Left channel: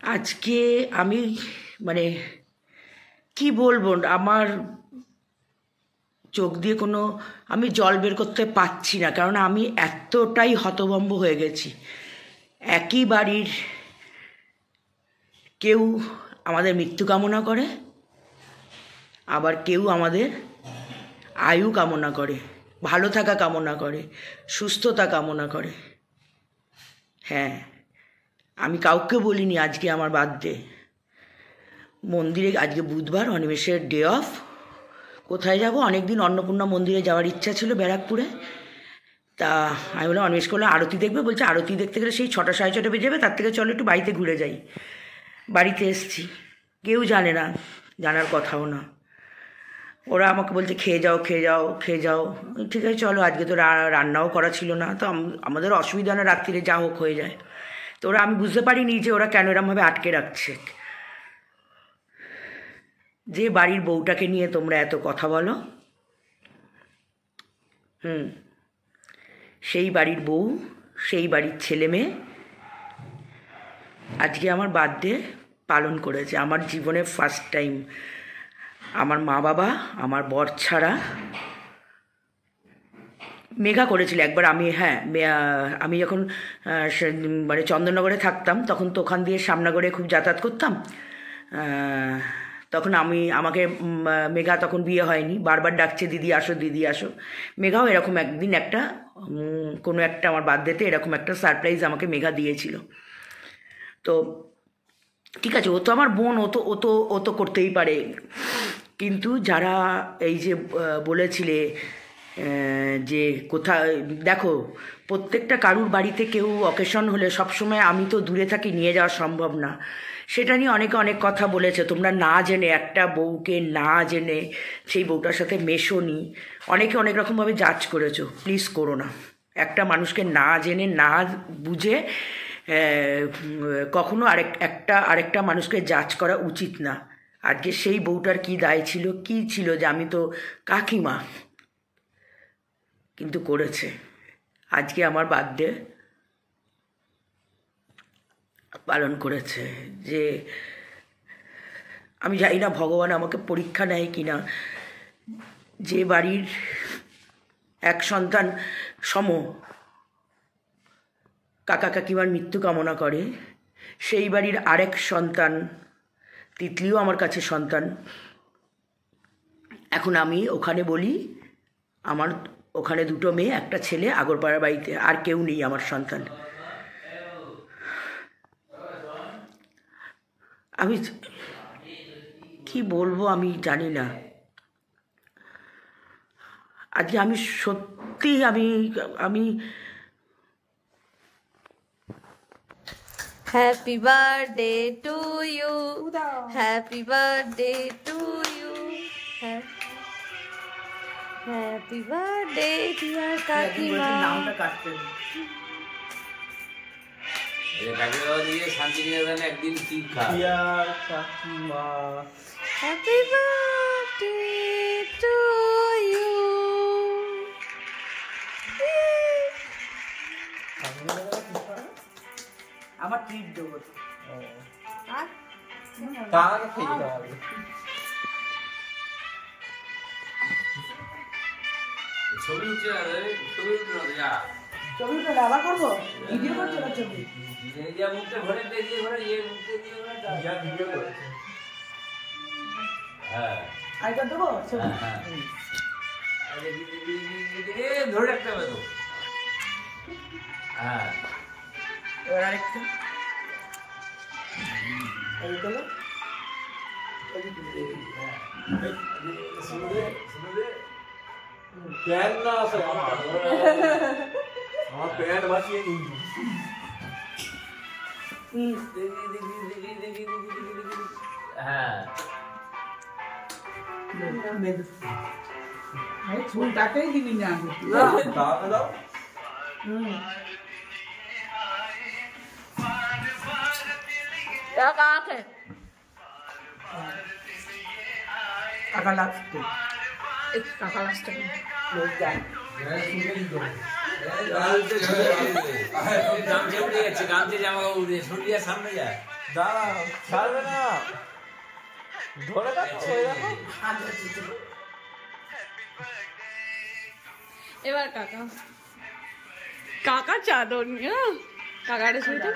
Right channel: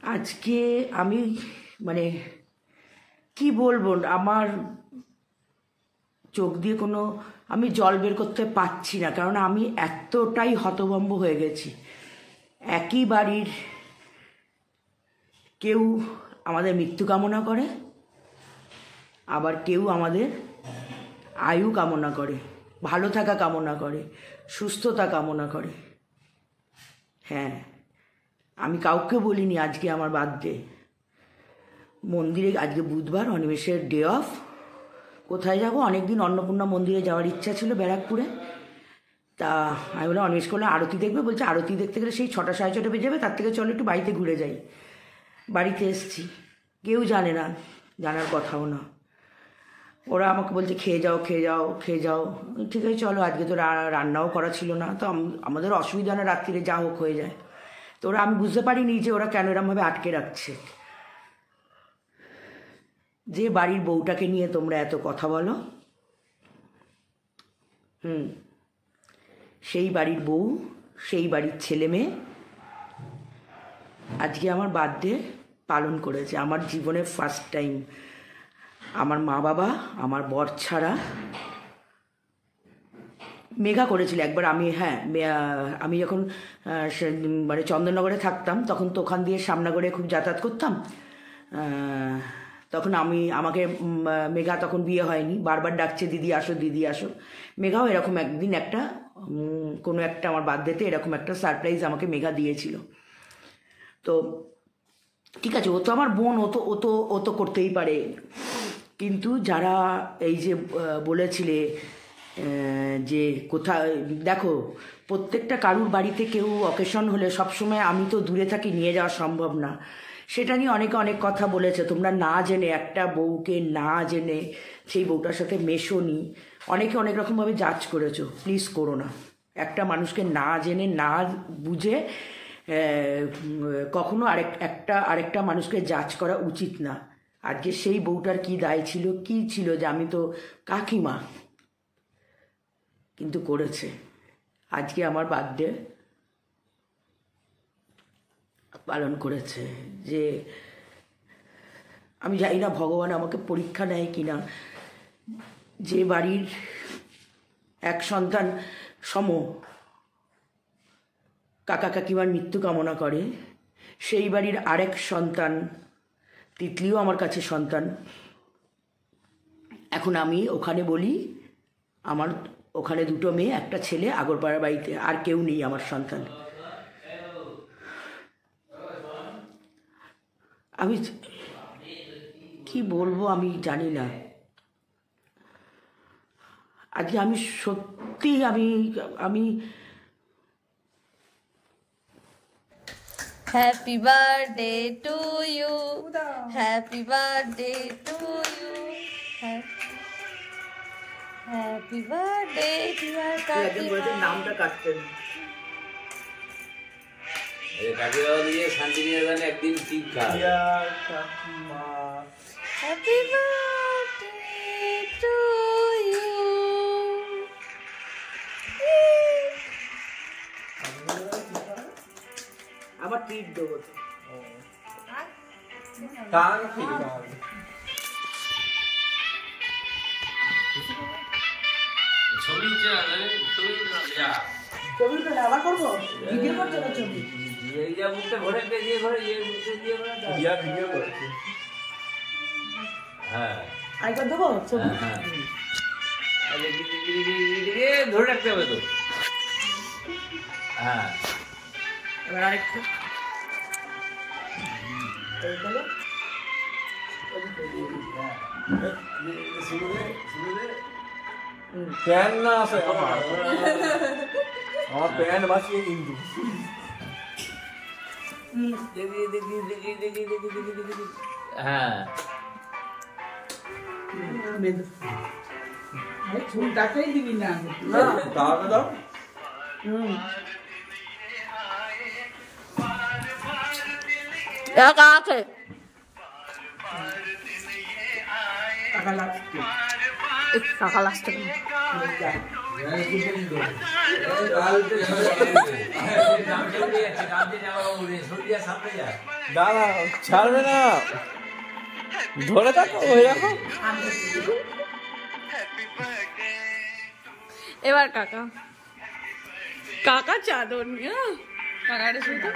আজকে আমি মানে কি বলবো, আমার চোখ দিয়ে কোনো আমি জল বের করতে পারছি না, কারণ আমি এতটাই হতভম্ব হয়ে গেছি। একই বাড়ির কেউ আমাদের মৃত্যু কামনা করে, আবার কেউ আমাদের আয়ু কামনা করে, ভালো থাকা কামনা করে, সুস্থতা কামনা করে। হ্যাঁ, আমি কাউকে বলিনি আজকে আমার বার্থডে। মন্দিরে আজকে বুধবার, অনিমেষের ডে অফ। কোথায় যাব? অনেক দিন অন্নপূর্ণা মন্দিরে যাওয়ার ইচ্ছা ছিল ব্যারাকপুরে। তা আমি বললাম, অনিমেষ করলে আরতি দেখবে, বলছে আরতি দেখতে গেলে সেই 6টা সাড়ে 6টা বেজে যাবে, তার থেকে চলো একটু বাড়িতে ঘুরে যাই। বাড়িতে এসছি, কেউ জানে না, জানার কথাও না। ওরা আমাকে বলছে খেয়ে যাও খেয়ে যাও খেয়ে যাও। ঠিক আছে চলো, আজকে তো রান্নাও করা ছিল না, তো আমাদের অসুবিধা না, রাত্রিরে যা হোক হয়ে যায়। তো ওরা, আমি বুঝতে পারিনি যে ওরা কেন এরমভাবে আটকে রাখছে। যে বাড়ির বউটাকে নিয়ে তোমরা এত কথা বলো, সেই বাড়ির বউ, সেই বাড়ির ছেলে মেয়ে আজকে আমার বার্থডে পালন করেছে। আমার জীবনে ফার্স্ট টাইম। আমার মা বাবা, আমার বর ছাড়া। মেঘা করেছিল একবার। আমি যখন মানে চন্দননগরে থাকতাম, তখন তো ওখান দিয়ে শ্যামনগরে খুব যাতায়াত করতাম। তখন আমাকে মেঘা তখন বিয়ে হয়নি, বারবার ডাকছে দিদি আসো দিদি আসো। মেঘাও এরকম একদিন কোনো একটা আমার বার্থডেতে এরকম একটা সারপ্রাইজ আমাকে মেঘা দিয়েছিল। তো ঠিক আছে, ও তো আমার বোন, ও তো করতেই পারে। কিন্তু যারা এই যে বলেছিলে যে কোথায়, দেখো প্রত্যেকটা কারুর বাড়িতে কেউ অকেশন হলে সবসময় আমি তো দূরে থাকি, নিয়ে যাওয়া সম্ভব না। সেটা নিয়ে অনেকে অনেক কথা বলেছে। তোমরা না জেনে, একটা বউকে না জেনে সেই বউটার সাথে মেশোনি, অনেকে অনেক রকমভাবে জাজ করেছো। প্লিজ করো না। একটা মানুষকে না জেনে না বুঝে কখনো আরেকটা মানুষকে জাজ করা উচিত না। আজকে সেই বউটার কি দায় ছিল, কি ছিল, যে আমি তো কাকিমা, কিন্তু করেছে। আজকে আমার বার্থডে পালন করেছে। যে আমি জানি না ভগবান আমাকে পরীক্ষা নেয় কিনা, যে বাড়ির এক সন্তান সম কাকা কাকিমার মৃত্যু কামনা করে, সেই বাড়ির আরেক সন্তান তিতলিও আমার কাছে সন্তান। এখন আমি ওখানে বলি, আমার ওখানে 2টো মেয়ে, একটা ছেলে, আগরপাড়ার বাড়িতে আর কেউ নেই আমার সন্তান। আমি কি বলবো আমি জানি না। আজকে আমি সত্যি আমি happy birthday to you, happy birthday to you, happy birthday dear কাকিমা। নামটা কাটতেন। কাকিমা দিয়ে শান্তিনিকেতনে একদিন ঠিক কাকিমা, হ্যাপি বার্থডে টু ইউ। আমার ট্রিট দেবো। ছবি উঠছে না, ছবি উঠছে না, যা ছবি তো আবার করবো, ভিডিও করছে না ছবি। মুখটা ঘরে দিয়ে ঘরে মুখটা দিয়ে ভিডিও করেছে। হ্যাঁ, আরেকবার দেবো ছবি। ধরে রাখতে হবে তো। হ্যাঁ, এবার আরেকটা এইগুলো প্যান না আছে আমার প্যান বাঁচিয়ে কিন্তু হ্যাঁ চুলটাকেই দিবি না, দাও আছে টাকা লাগছে, টাকা লাগছে। দাঁড়া ছাড়বে না ধরে থাকো ওই রাখো এবার কাকা কাকা চাদর নিয়ে কাকাটা শুধু